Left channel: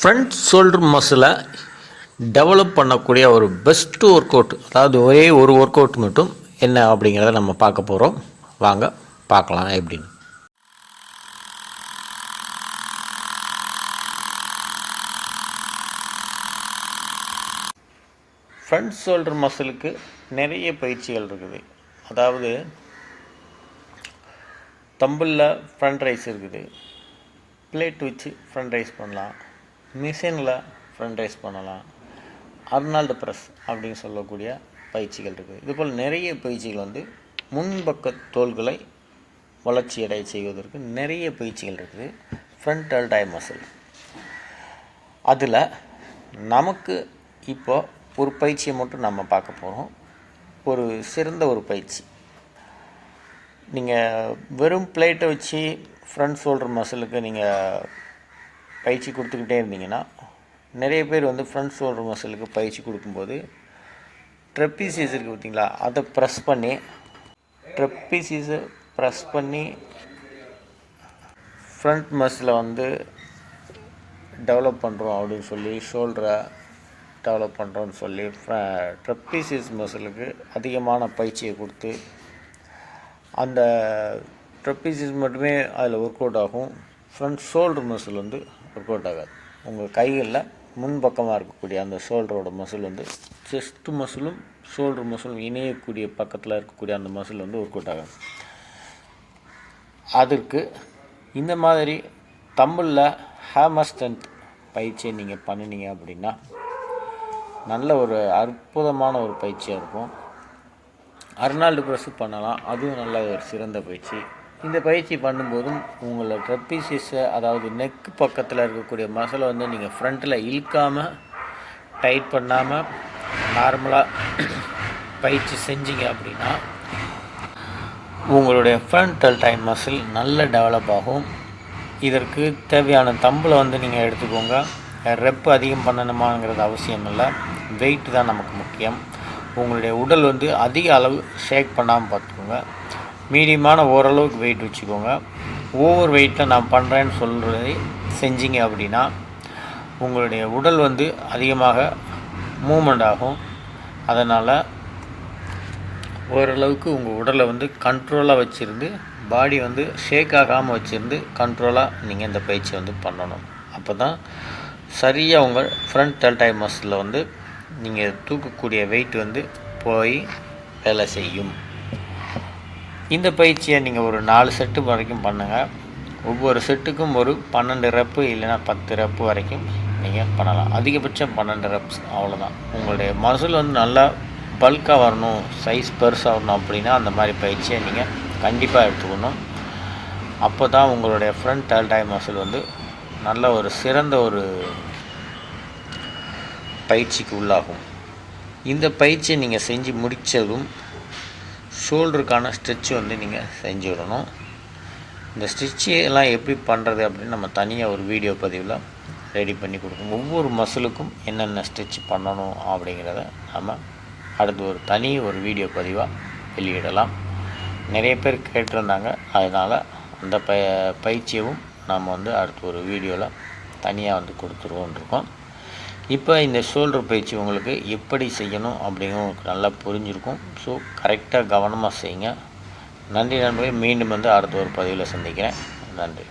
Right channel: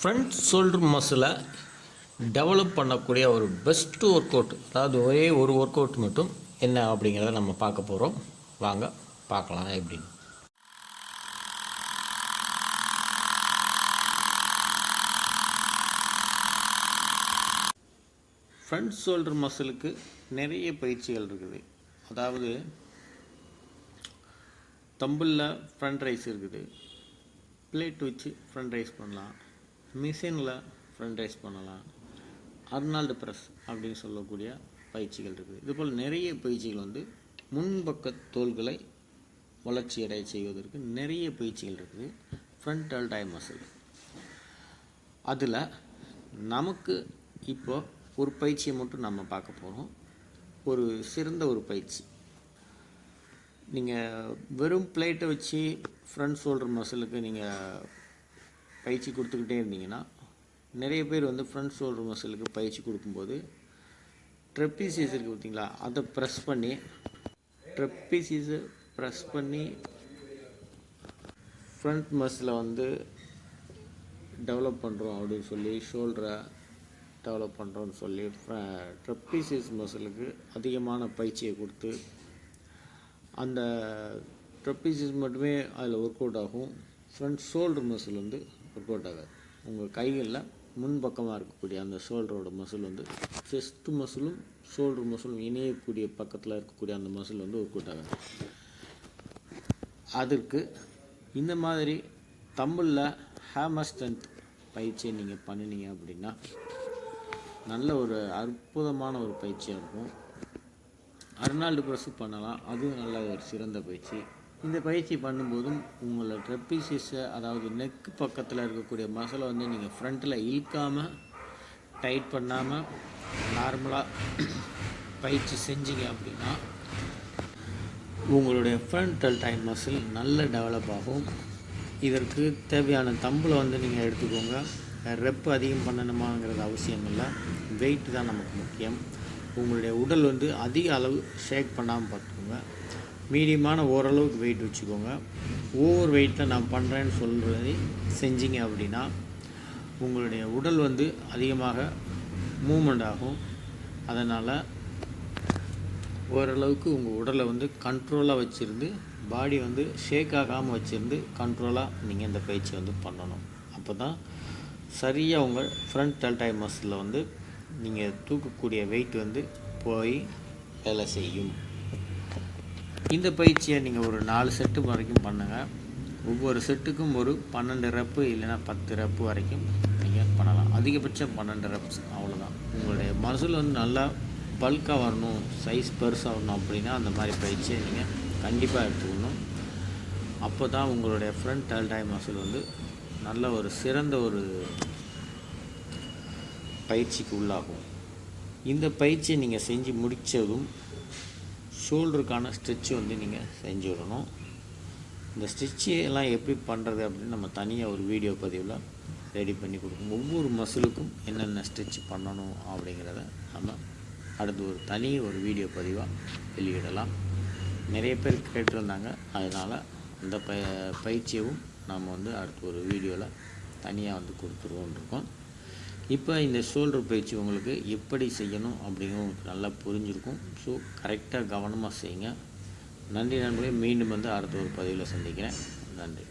Front shoulder மசிலை develop பண்ணக்கூடிய ஒரு best work out, அதாவது ஒரே ஒரு ஒர்க் அவுட் மட்டும் என்ன அப்படிங்கிறத நம்ம பார்க்க போகிறோம். வாங்க பார்க்கலாம் எப்படின்னு. ஃப்ரண்ட் ஷோல்டர் மசிலுக்கு நிறைய பயிற்சிகள் இருக்குது. அதாவது தம்பிளில் ஃப்ரண்ட் ரைஸ் இருக்குது, பிளேட் வச்சு ஃப்ரண்ட் ரைஸ் பண்ணலாம், மிஷினில் ஃப்ரண்ட் ரைஸ் பண்ணலாம், அர்னால்டு ப்ரெஸ் அப்படின்னு சொல்லக்கூடிய பயிற்சிகள் இருக்குது. இதுபோல் நிறைய பயிற்சிகள் முன்பக்க தோள்களை வளர்ச்சி அடைய செய்வதற்கு நிறைய பயிற்சிகள் இருக்குது. ஃப்ரண்ட் டெல்டாய் மசில், அதில் நமக்கு இப்போது ஒரு பயிற்சியை மட்டும் நம்ம பார்க்க போகிறோம். ஒரு சிறந்த ஒரு பயிற்சி. நீங்கள் வெறும் பிளேட்டை வச்சு ஃப்ரண்ட் ஷோல்டர் மசிலுக்கு நீங்கள் பயிற்சி கொடுத்துக்கிட்டே இருந்தீங்கன்னா, நிறைய பேர் ஃப்ரண்ட் ஷோல்டர் மசிலுக்கு பயிற்சி கொடுக்கும்போது ட்ரெப்பீசியஸ் இருக்குது பார்த்தீங்களா, அதை ப்ரெஸ் பண்ணி ஃப்ரண்ட் மசிலை டெவலப் பண்ணுறோம் அப்படின்னு சொல்லி, ஷோல்டரை டெவலப் பண்ணுறோன்னு சொல்லி ட்ரெப்பீசியஸ் மசிலுக்கு அதிகமான பயிற்சியை கொடுத்து அந்த ட்ரெப்பீசியஸ் மட்டுமே அதில் ஒர்க் அவுட் ஆகும். Front shoulder muscle work out ஆகாது. உங்கள் கைகளில் முன்பக்கமாக இருக்கக்கூடிய அந்த ஷோல்டரோட மசில் செஸ்ட் மசிலும் ஷோல்டர் மசிலும் இணையக்கூடிய பக்கத்தில் இருக்கக்கூடிய அந்த மசில் ஒர்க் அவுட் ஆகாது. அதற்கு இந்த மாதிரி தம்பிளில் ஹேமர் ஸ்ட்ரென்த் பயிற்சியை நீங்கள் பண்ணினீங்க அப்படின்னா நல்ல ஒரு அற்புதமான ஒரு பயிற்சியாக இருக்கும். அர்னால்டு ப்ரெஸ் பண்ணலாம், அதுவும் நல்ல ஒரு சிறந்த பயிற்சி. இந்த பயிற்சி பண்ணும்போதும் உங்களோட ட்ரெப்பீசியஸை, அதாவது நெக் பக்கத்தில் இருக்கக்கூடிய மசிலை நீங்கள் ஃப்ரண்ட்டில் இழுக்காமல் டைட் பண்ணாமல் நார்மலாக பயிற்சி செஞ்சீங்க அப்படின்னா உங்களுடைய ஃப்ரண்ட் டெல்டாய் மசில் நல்ல டெவலப் ஆகும். இதற்கு தேவையான தம்பிளை நீங்கள் எடுத்துக்கோங்க. ரெப்பு அதிகம் பண்ணணுமாங்கிறது அவசியம் இல்லை, வெயிட் தான் நமக்கு முக்கியம். உங்களுடைய உடல் அதிக அளவு ஷேக் பண்ணாமல் பார்த்துக்கோங்க. மீடியமான ஓரளவுக்கு வெயிட் வச்சுக்கோங்க. ஓவர் வெயிட்டில் நான் பண்ணுறேன்னு சொல்கிறதை செஞ்சீங்க அப்படின்னா உங்களுடைய உடல் அதிகமாக மூமெண்ட் ஆகும். அதனால் ஓரளவுக்கு உங்கள் உடலை கண்ட்ரோலாக வச்சுருந்து, பாடி ஷேக் ஆகாமல் வச்சுருந்து கண்ட்ரோலாக நீங்கள் இந்த பயிற்சி பண்ணணும். அப்போ தான் சரியாக உங்கள் ஃப்ரண்ட் டெல்டாய் மசிலில் நீங்கள் தூக்கக்கூடிய வெயிட் போய் வேலை செய்யும். இந்த பயிற்சியை நீங்கள் ஒரு 4 செட்டு வரைக்கும் பண்ணுங்கள். ஒவ்வொரு செட்டுக்கும் ஒரு 12 ரெப்பு இல்லைன்னா 10 ரெப்பு வரைக்கும் நீங்கள் பண்ணலாம். அதிகபட்சம் 12 ரெப்ஸ், அவ்வளோதான். உங்களுடைய மசில் நல்லா பல்காக வரணும், சைஸ் பெருசாக வரணும் அப்படின்னா அந்த மாதிரி பயிற்சியை நீங்கள் கண்டிப்பாக எடுத்துக்கணும். அப்போ தான் உங்களுடைய ஃப்ரண்ட் டெல்டாய் மசில் நல்ல ஒரு சிறந்த ஒரு பயிற்சிக்கு உள்ளாகும். இந்த பயிற்சியை நீங்கள் செஞ்சு முடித்ததும் ஷோல்டருக்கான ஸ்ட்ரெச்சு நீங்கள் செஞ்சு விடணும். இந்த ஸ்ட்ரெச்சு எல்லாம் எப்படி பண்ணுறது அப்படின்னு நம்ம தனியாக ஒரு வீடியோ பதிவில் ரெடி பண்ணி கொடுக்கணும். ஒவ்வொரு மசிலுக்கும் என்னென்ன ஸ்ட்ரெச் பண்ணணும் அப்படிங்கிறத நம்ம அடுத்து ஒரு வீடியோ பதிவாக வெளியிடலாம். நிறைய பேர் கேட்டிருந்தாங்க, அதனால் அந்த பயிற்சியவும் நாம் அடுத்து ஒரு வீடியோவில் தனியாக கொடுத்துருவோன்னு இருக்கோம். இப்போ இந்த ஷோல்டர் பயிற்சி உங்களுக்கு எப்படி செய்யணும் அப்படிங்கிறது உங்களுக்கு நல்லா புரிஞ்சிருக்கும். ஸோ கரெக்டாக கவனமாக செய்யுங்க. நன்றி நண்பர்களே. மீண்டும் அடுத்த ஒரு பதிவில் சந்திக்கிறேன். நன்றி.